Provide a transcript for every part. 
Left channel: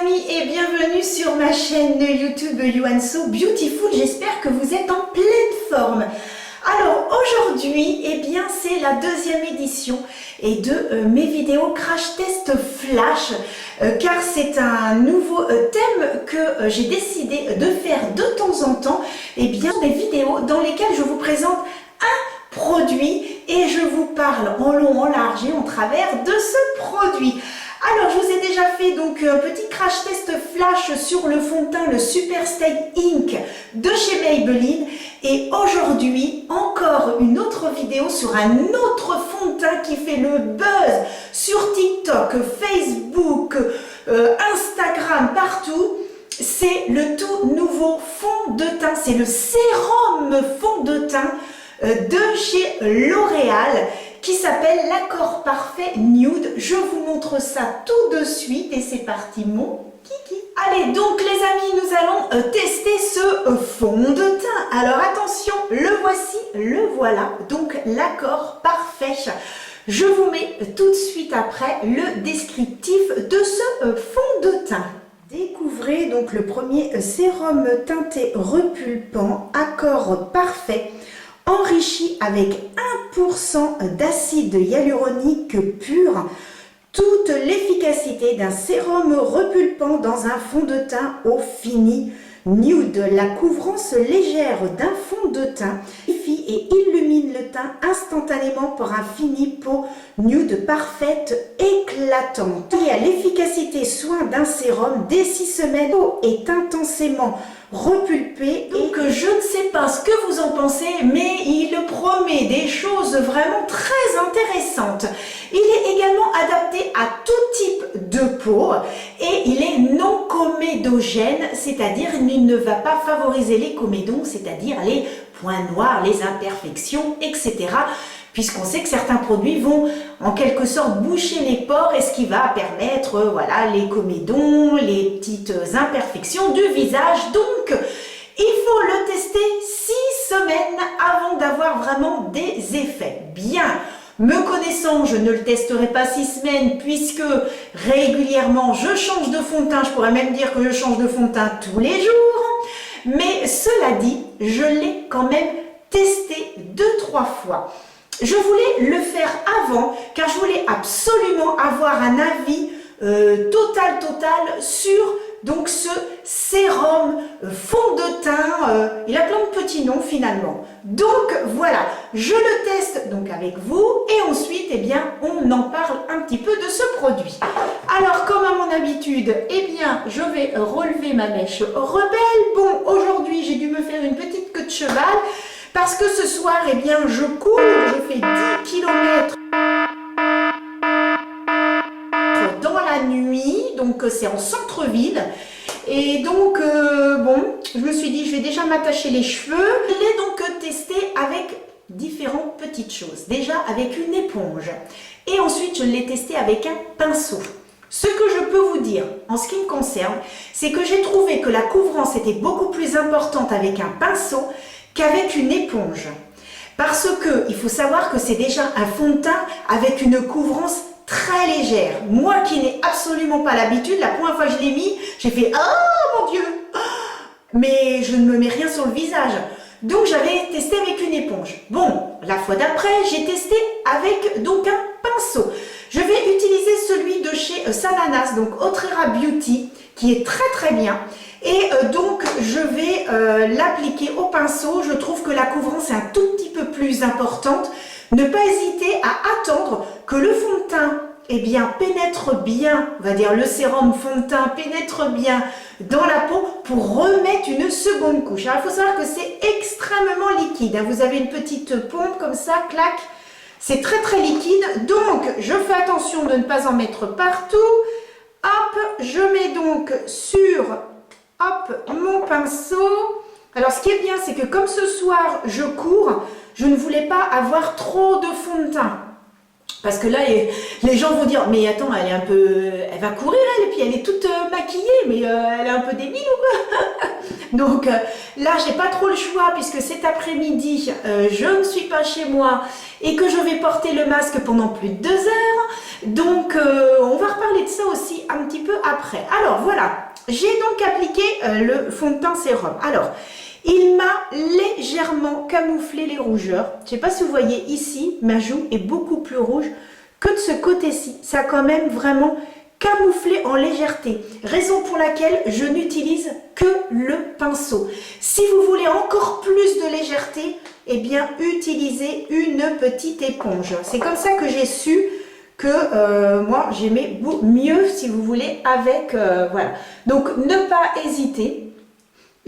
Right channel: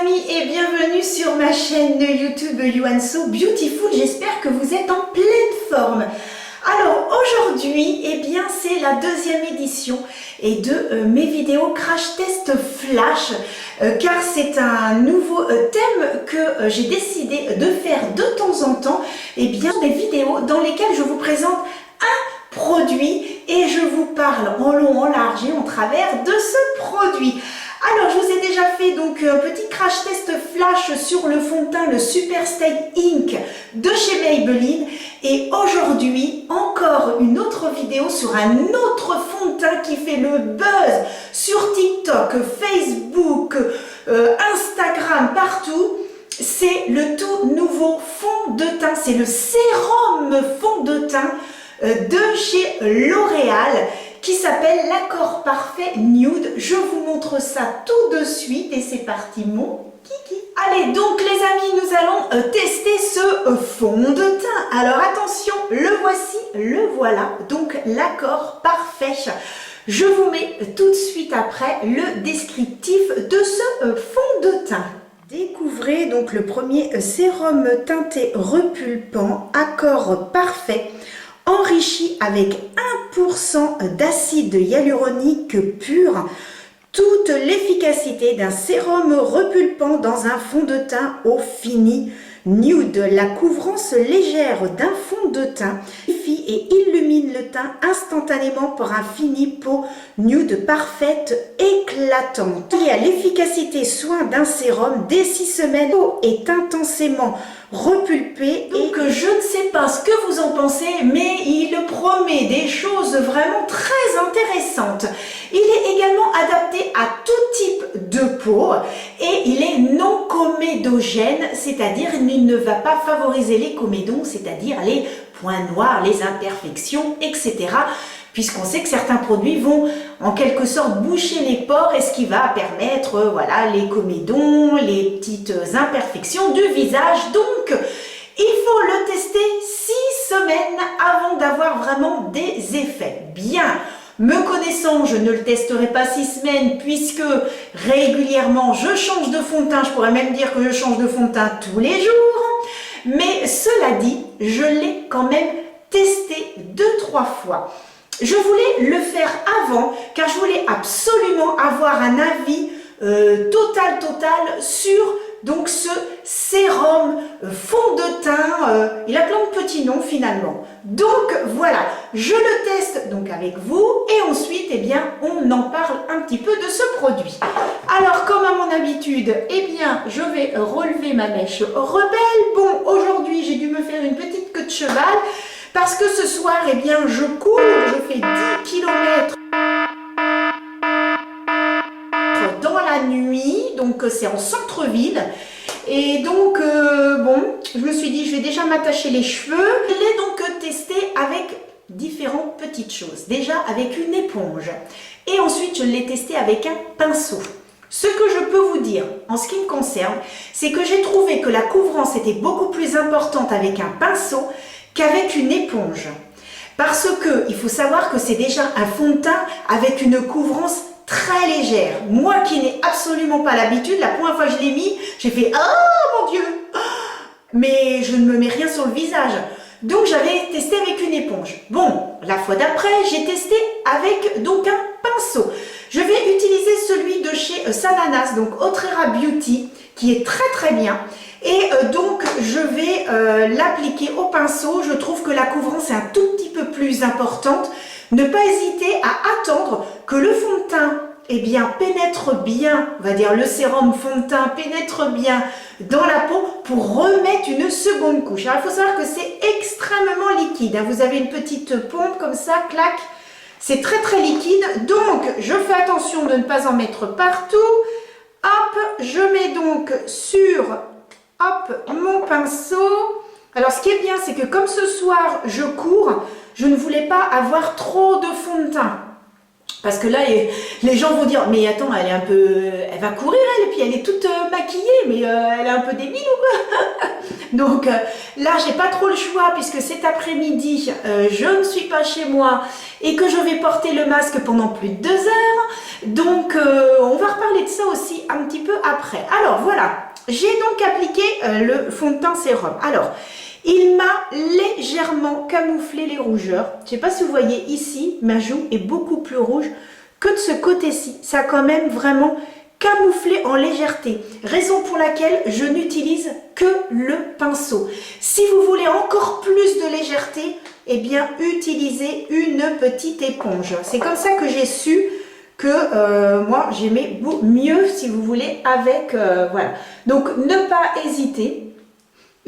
amis et bienvenue sur ma chaîne YouTube You and So Beautiful. J'espère que vous êtes en pleine forme. Alors aujourd'hui, eh bien c'est la deuxième édition et de mes vidéos crash test flash car c'est un nouveau thème que j'ai décidé de faire de temps en temps. Eh bien des vidéos dans lesquelles je vous présente un produit et je vous parle en long, en large et en travers de ce produit. Alors, je vous ai déjà fait donc un petit crash test flash sur le fond de teint, le Super Stay Ink de chez Maybelline. Et aujourd'hui, encore une autre vidéo sur un autre fond de teint qui fait le buzz sur TikTok, Facebook, Instagram, partout. C'est le tout nouveau fond de teint, c'est le sérum fond de teint de chez L'Oréal qui s'appelle l'Accord Parfait Nude. Je vous montre ça tout de suite et c'est parti mon kiki. Allez donc les amis, nous allons tester ce fond de teint. Alors attention, le voici, le voilà, donc l'Accord Parfait. Je vous mets tout de suite après le descriptif de ce fond de teint. Découvrez donc le premier sérum teinté repulpant Accord Parfait, enrichi avec 1% d'acide hyaluronique pur, toute l'efficacité d'un sérum repulpant dans un fond de teint au fini nude. La couvrance légère d'un fond de teint suffit et illumine le teint instantanément pour un fini peau nude parfaite, éclatante. Et à l'efficacité soin d'un sérum dès 6 semaines, peau est intensément repulpée. Donc je ne sais pas ce que vous en pensez, mais il promet des choses vraiment très intéressantes. Il est également adapté à tout type de peau et il est non comédogène, c'est-à-dire il ne va pas favoriser les comédons, c'est-à-dire les points noirs, les imperfections, etc. Puisqu'on sait que certains produits vont en quelque sorte boucher les pores et ce qui va permettre voilà, les comédons, les petites imperfections du visage. Donc, il faut le tester 6 semaines avant d'avoir vraiment des effets. Bien, me connaissant, je ne le testerai pas 6 semaines puisque régulièrement je change de fond de teint. Je pourrais même dire que je change de fond de teint tous les jours. Mais cela dit, je l'ai quand même testé 2-3 fois. Je voulais le faire avant car je voulais absolument avoir un avis total sur donc ce sérum fond de teint. Il a plein de petits noms finalement. Donc voilà, je le teste donc avec vous et ensuite eh bien on en parle un petit peu de ce produit. Alors comme à mon habitude, eh bien je vais relever ma mèche rebelle. Bon, aujourd'hui j'ai dû me faire une petite queue de cheval. Parce que ce soir, eh bien, je cours, je fais 10 km dans la nuit, donc c'est en centre-ville. Et donc, bon, je me suis dit, je vais déjà m'attacher les cheveux. Je l'ai donc testé avec différentes petites choses. Déjà avec une éponge. Et ensuite, je l'ai testé avec un pinceau. Ce que je peux vous dire, en ce qui me concerne, c'est que j'ai trouvé que la couvrance était beaucoup plus importante avec un pinceau qu'avec une éponge. Parce que il faut savoir que c'est déjà un fond de teint avec une couvrance très légère. Moi qui n'ai absolument pas l'habitude, la première fois que je l'ai mis, j'ai fait « Oh mon Dieu !» Mais je ne me mets rien sur le visage. Donc j'avais testé avec une éponge. Bon, la fois d'après, j'ai testé avec donc un pinceau. Je vais utiliser celui de chez Sananas, donc Otrera Beauty, qui est très bien. Et donc je vais l'appliquer au pinceau. Je trouve que la couvrance est un tout petit peu plus importante. Ne pas hésiter à attendre que le fond de teint eh bien, pénètre bien, on va dire le sérum fond de teint pénètre bien dans la peau pour remettre une seconde couche. Alors il faut savoir que c'est extrêmement liquide. Vous avez une petite pompe comme ça, clac. C'est très liquide. Donc je fais attention de ne pas en mettre partout. Hop, je mets donc sur mon pinceau. Alors ce qui est bien, c'est que comme ce soir je cours, je ne voulais pas avoir trop de fond de teint. Parce que là, les gens vont dire, mais attends, elle est un peu, elle va courir elle, et puis elle est toute maquillée, mais elle est un peu débile ou quoi? Donc là, j'ai pas trop le choix puisque cet après-midi, je ne suis pas chez moi et que je vais porter le masque pendant plus de 2 heures. Donc on va reparler de ça aussi un petit peu après. Alors voilà, j'ai donc appliqué le fond de teint sérum. Alors, il m'a légèrement camouflé les rougeurs. Je ne sais pas si vous voyez ici, ma joue est beaucoup plus rouge que de ce côté-ci. Ça a quand même vraiment camouflé en légèreté. Raison pour laquelle je n'utilise que le pinceau. Si vous voulez encore plus de légèreté, eh bien, utilisez une petite éponge. C'est comme ça que j'ai su que moi, j'aimais mieux, si vous voulez, avec... voilà. Donc, ne pas hésiter.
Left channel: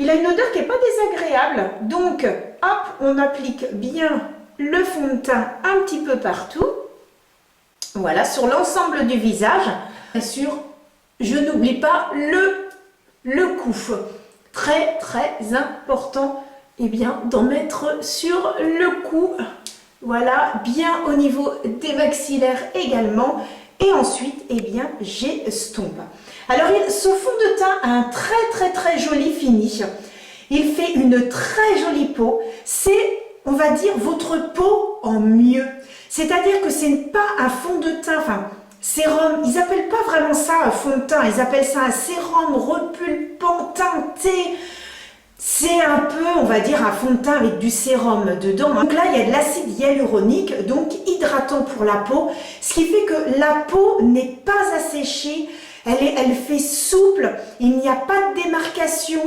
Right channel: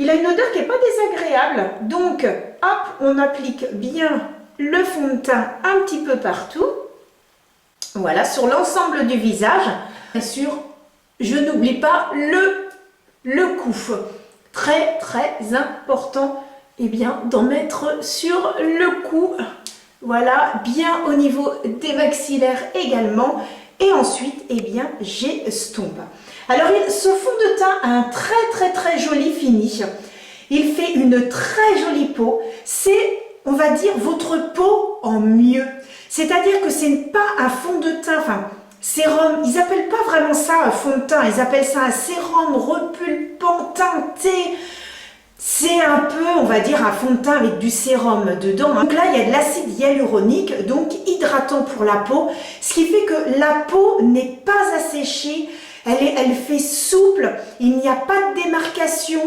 Il a une odeur qui n'est pas désagréable, donc hop, on applique bien le fond de teint un petit peu partout. Voilà, sur l'ensemble du visage. Bien sûr, je n'oublie pas le cou. Très très important, eh bien, d'en mettre sur le cou. Voilà, bien au niveau des maxillaires également. Et ensuite, eh bien, j'estompe. Alors, ce fond de teint a un très très joli fini. Il fait une très jolie peau. C'est, on va dire, votre peau en mieux. C'est-à-dire que ce n'est pas un fond de teint, enfin, sérum. Ils n'appellent pas vraiment ça un fond de teint. Ils appellent ça un sérum repulpant teinté. C'est un peu, on va dire, un fond de teint avec du sérum dedans. Donc là, il y a de l'acide hyaluronique, donc hydratant pour la peau, ce qui fait que la peau n'est pas asséchée, elle fait souple, il n'y a pas de démarcation.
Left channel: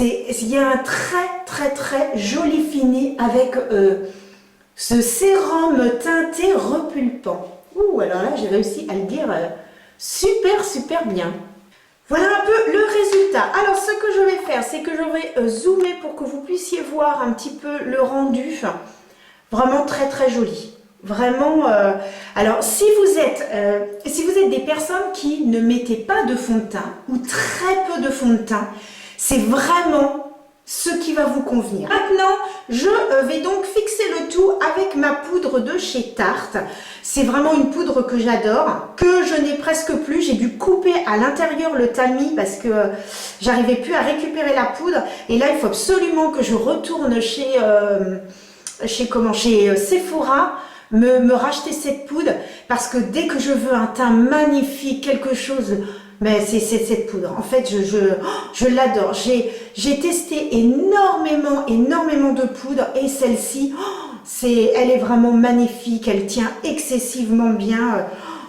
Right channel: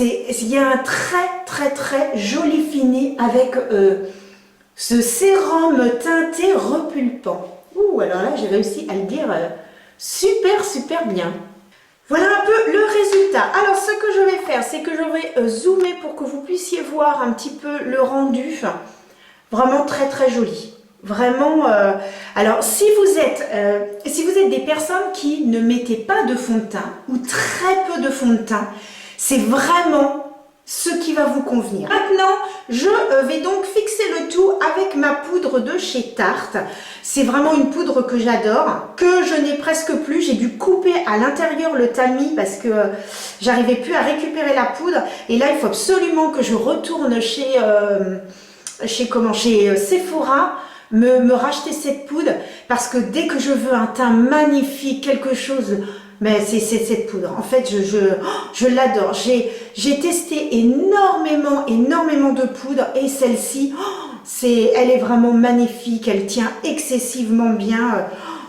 Il y a un très joli fini avec ce sérum teinté repulpant. Ouh, alors là, j'ai réussi à le dire super bien. Voilà un peu le résultat. Alors, ce que je vais faire, c'est que je vais zoomer pour que vous puissiez voir un petit peu le rendu. Vraiment très joli. Vraiment. Alors, si vous êtes des personnes qui ne mettez pas de fond de teint ou très peu de fond de teint, c'est vraiment ce qui va vous convenir. Maintenant, je vais donc fixer le tout avec ma poudre de chez Tarte. C'est vraiment une poudre que j'adore, que je n'ai presque plus. J'ai dû couper à l'intérieur le tamis parce que j'arrivais plus à récupérer la poudre. Et là, il faut absolument que je retourne chez Sephora me racheter cette poudre parce que dès que je veux un teint magnifique, quelque chose... Mais c'est cette poudre. En fait, je l'adore. J'ai testé énormément de poudres et celle-ci, elle est vraiment magnifique. Elle tient excessivement bien.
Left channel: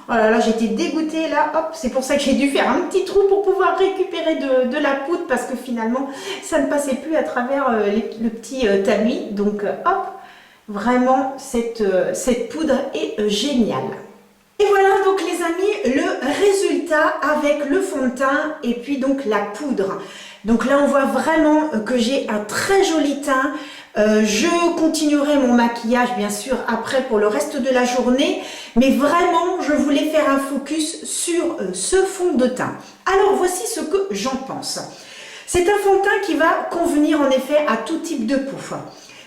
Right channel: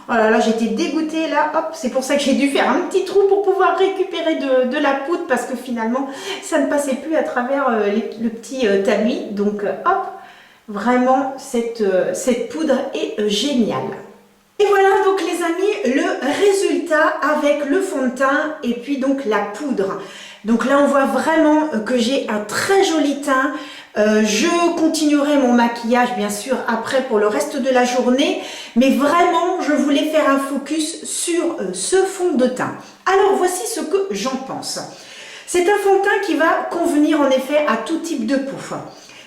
Oh là là, j'étais dégoûtée là. Hop, c'est pour ça que j'ai dû faire un petit trou pour pouvoir récupérer de la poudre parce que finalement, ça ne passait plus à travers le petit tamis. Donc, hop, vraiment, cette poudre est géniale. Et voilà donc les amis le résultat avec le fond de teint et puis donc la poudre. Donc là on voit vraiment que j'ai un très joli teint. Je continuerai mon maquillage bien sûr après pour le reste de la journée. Mais vraiment je voulais faire un focus sur ce fond de teint. Alors voici ce que j'en pense. C'est un fond de teint qui va convenir en effet à tout type de peau.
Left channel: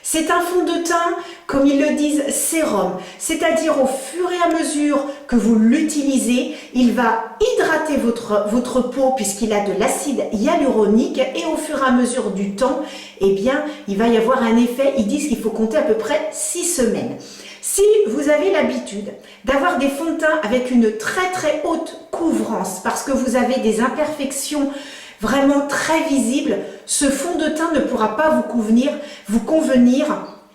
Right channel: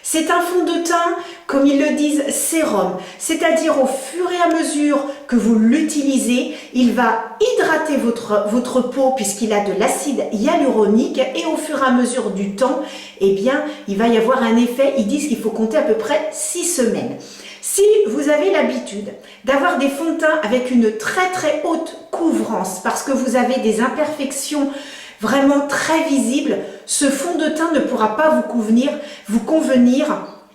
C'est un fond de teint, comme ils le disent, sérum. C'est-à-dire au fur et à mesure que vous l'utilisez, il va hydrater votre peau puisqu'il a de l'acide hyaluronique et au fur et à mesure du temps, eh bien, il va y avoir un effet, ils disent qu'il faut compter à peu près 6 semaines. Si vous avez l'habitude d'avoir des fonds de teint avec une très haute couvrance parce que vous avez des imperfections vraiment très visible, ce fond de teint ne pourra pas vous convenir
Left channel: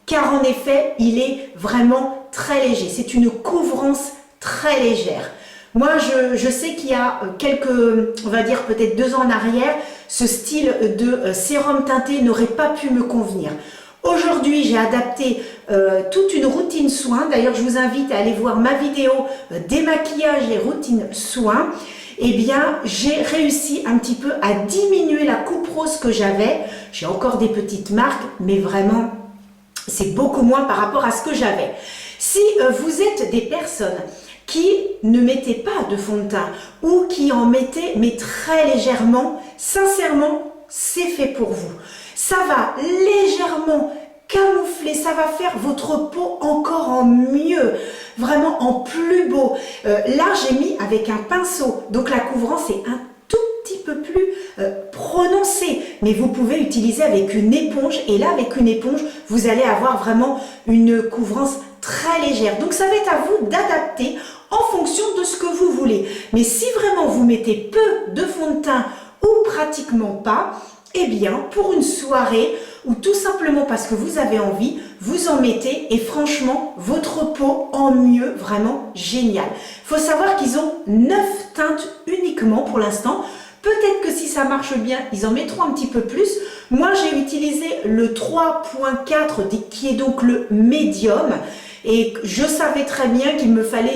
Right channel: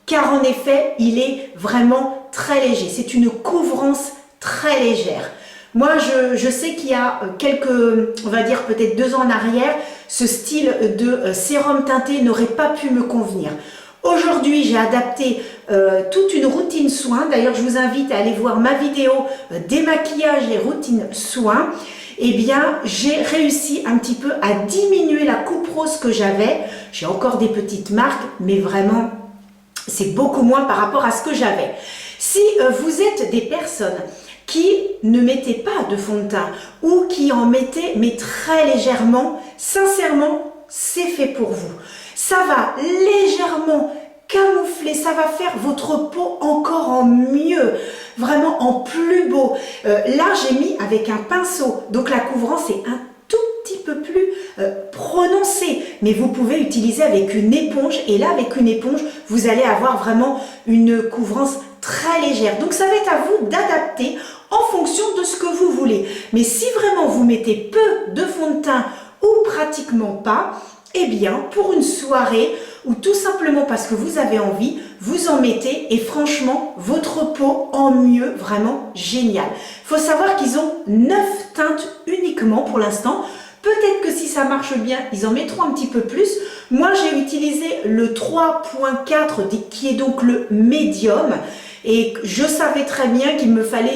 car en effet, il est vraiment très léger. C'est une couvrance très légère. Moi, je sais qu'il y a on va dire peut-être 2 ans en arrière, ce style de sérum teinté n'aurait pas pu me convenir. Aujourd'hui, j'ai adapté toute une routine soin. D'ailleurs, je vous invite à aller voir ma vidéo démaquillage et routine soin. Eh bien, j'ai réussi un petit peu à diminuer la coupe rose que j'avais. J'ai encore des petites marques, mais vraiment, c'est beaucoup moins par rapport à ce que j'avais. Si vous êtes des personnes qui ne mettez pas de fond de teint ou qui en mettez, mais très légèrement, sincèrement, c'est fait pour vous. Ça va légèrement camoufler, ça va faire votre peau encore en mieux, vraiment en plus beau. Là, j'ai mis avec un pinceau, donc la couvrance est un tout petit peu plus prononcée, mais vous pouvez utiliser avec une éponge, et là, avec une éponge, vous allez avoir vraiment une couvrance très légère. Donc, ça va être à vous d'adapter en fonction de ce que vous voulez. Mais si vraiment vous mettez peu de fond de teint ou pratiquement pas, eh bien, pour une soirée ou tout simplement parce que vous avez envie, vous en mettez et franchement, votre peau en mieux, vraiment génial. Il faut savoir qu'ils ont 9 teintes uniquement pour l'instant. Peut-être que si ça marche bien, ils en mettront un petit peu plus. Moi, j'ai utilisé le 3.4 qui est donc le médium et je savais très bien qu'il me fallait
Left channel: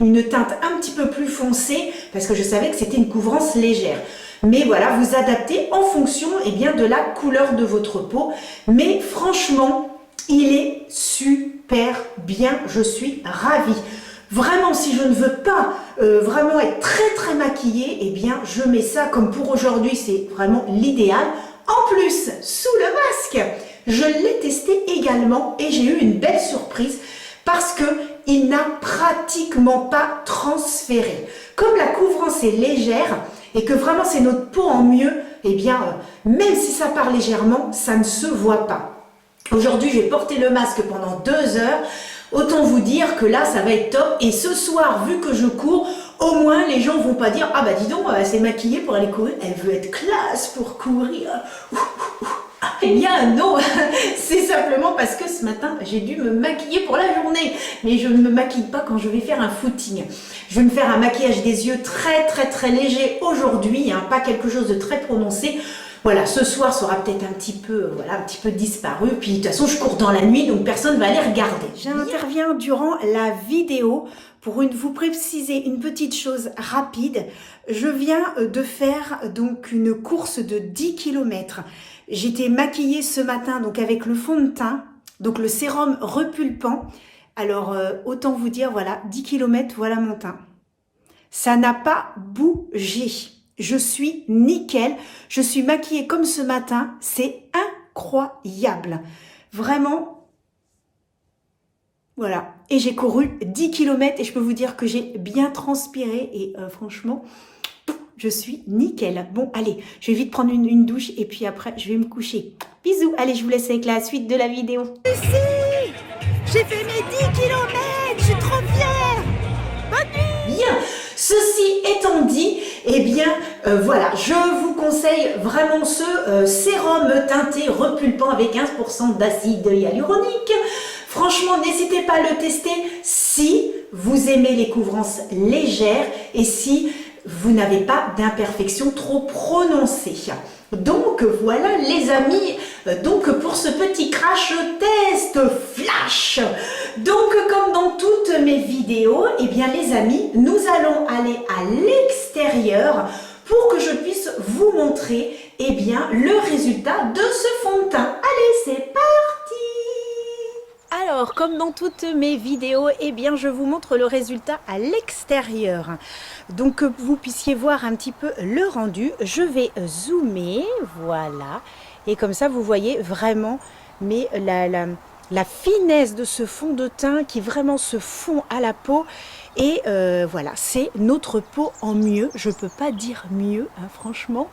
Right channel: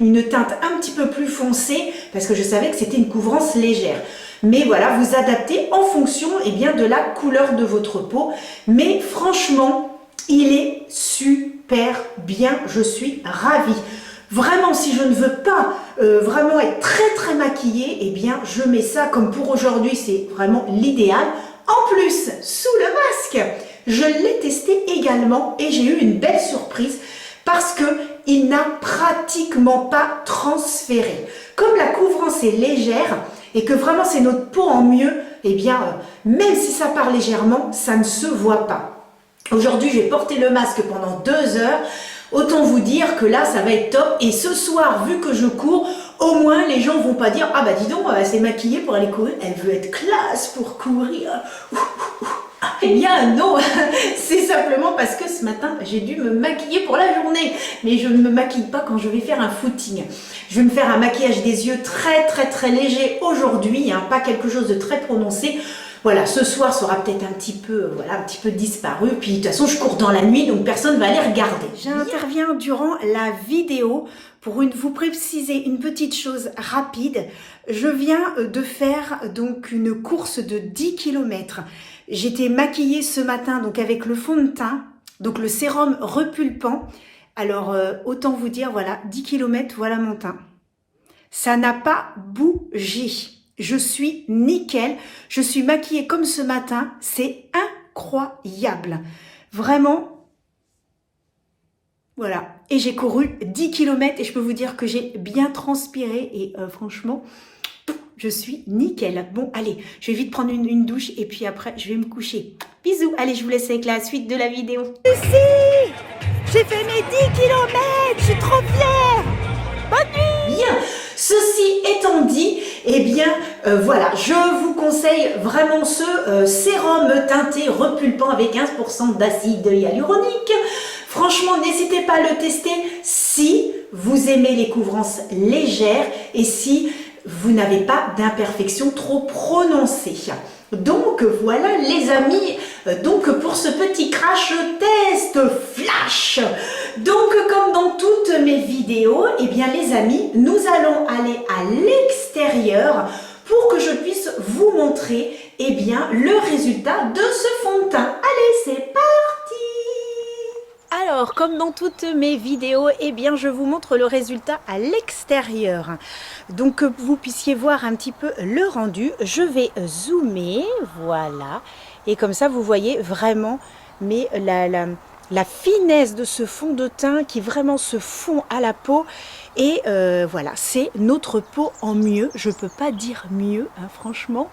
une teinte un petit peu plus foncée parce que je savais que c'était une couvrance légère. Mais voilà, vous adaptez en fonction bien, de la couleur de votre peau. Mais franchement, il est super bien. Je suis ravie. Vraiment, si je ne veux pas vraiment être très maquillée, eh bien, je mets ça comme pour aujourd'hui. C'est vraiment l'idéal. En plus, sous le masque, je l'ai testé également et j'ai eu une belle surprise parce que il n'a pratiquement pas transféré. Comme la couvrance est légère et que vraiment c'est notre peau en mieux, eh bien, même si ça part légèrement, ça ne se voit pas. Aujourd'hui, j'ai porté le masque pendant 2 heures. Autant vous dire que là, ça va être top. Et ce soir, vu que je cours, au moins les gens vont pas dire « Ah bah dis donc, elle s'est maquillée pour aller courir. Elle veut être classe pour courir. » Eh bien non, c'est simplement parce que ce matin, j'ai dû me maquiller pour la journée. Mais je ne me maquille pas quand je vais faire un footing. Je vais me faire un maquillage des yeux très léger aujourd'hui, hein, pas quelque chose de très prononcé. Voilà, ce soir sera peut-être un petit peu disparu. Puis de toute façon, je cours dans la nuit, donc personne ne va aller regarder. J'interviens durant la vidéo pour vous préciser une petite chose rapide. Je viens de faire donc une course de 10 km. J'étais maquillée ce matin donc avec le fond de teint, donc le sérum repulpant. Alors, autant vous dire, voilà, 10 km, voilà mon teint. Ça n'a pas bougé. Je suis nickel. Je suis maquillée comme ce matin. C'est incroyable. Vraiment. Voilà. Et j'ai couru 10 km et je peux vous dire que j'ai bien transpiré. Et franchement, je suis nickel. Bon, allez, je vais vite prendre une douche et puis après, je vais me coucher. Bisous. Allez, je vous laisse avec la suite de la vidéo. Ici, j'ai fait mes 10 km. Je suis trop fière. Bonne nuit. Bien. Ceci étant dit, eh bien, voilà, je vous conseille vraiment ce sérum teinté repulpant avec 15% d'acide hyaluronique. Franchement, n'hésitez pas à le tester si vous aimez les couvrances légères et si vous n'avez pas d'imperfection trop prononcée. Donc voilà les amis, donc pour ce petit crash test flash. Donc comme dans toutes mes vidéos, eh bien les amis, nous allons aller à l'extérieur pour que je puisse vous montrer eh bien le résultat de ce fond de teint. Allez, c'est parti! Alors, comme dans toutes mes vidéos, eh bien, je vous montre le résultat à l'extérieur. Donc, que vous puissiez voir un petit peu le rendu, je vais zoomer, voilà. Et comme ça, vous voyez vraiment la finesse de ce fond de teint qui vraiment se fond à la peau. Et voilà, c'est notre peau en mieux. Je ne peux pas dire mieux, hein, franchement.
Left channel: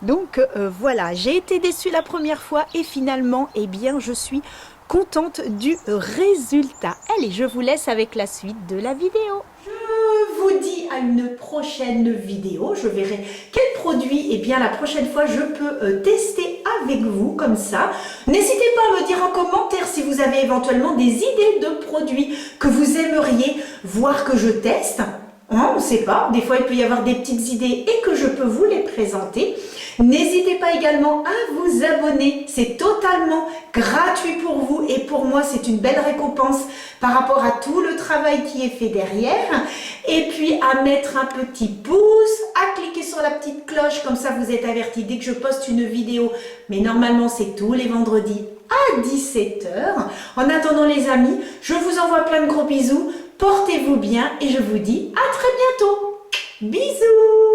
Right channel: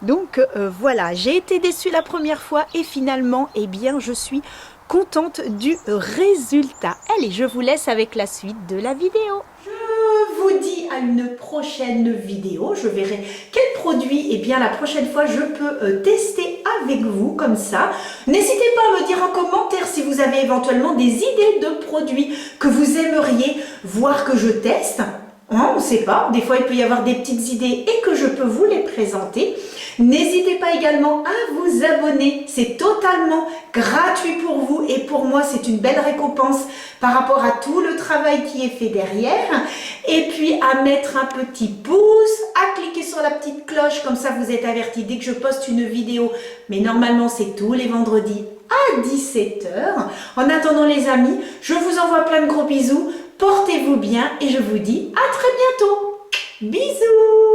Donc, voilà, j'ai été déçue la première fois et finalement, eh bien, je suis contente du résultat. Allez, je vous laisse avec la suite de la vidéo. Je vous dis à une prochaine vidéo. Je verrai quel produit, eh bien, la prochaine fois, je peux tester avec vous, comme ça. N'hésitez pas à me dire en commentaire si vous avez éventuellement des idées de produits que vous aimeriez voir que je teste. Hein, on ne sait pas, des fois il peut y avoir des petites idées et que je peux vous les présenter. N'hésitez pas également à vous abonner, c'est totalement gratuit pour vous et pour moi c'est une belle récompense par rapport à tout le travail qui est fait derrière. Et puis à mettre un petit pouce, à cliquer sur la petite cloche, comme ça vous êtes avertis dès que je poste une vidéo. Mais normalement c'est tous les vendredis à 17 h. En attendant les amis, je vous envoie plein de gros bisous. Portez-vous bien et je vous dis à très bientôt. Bisous!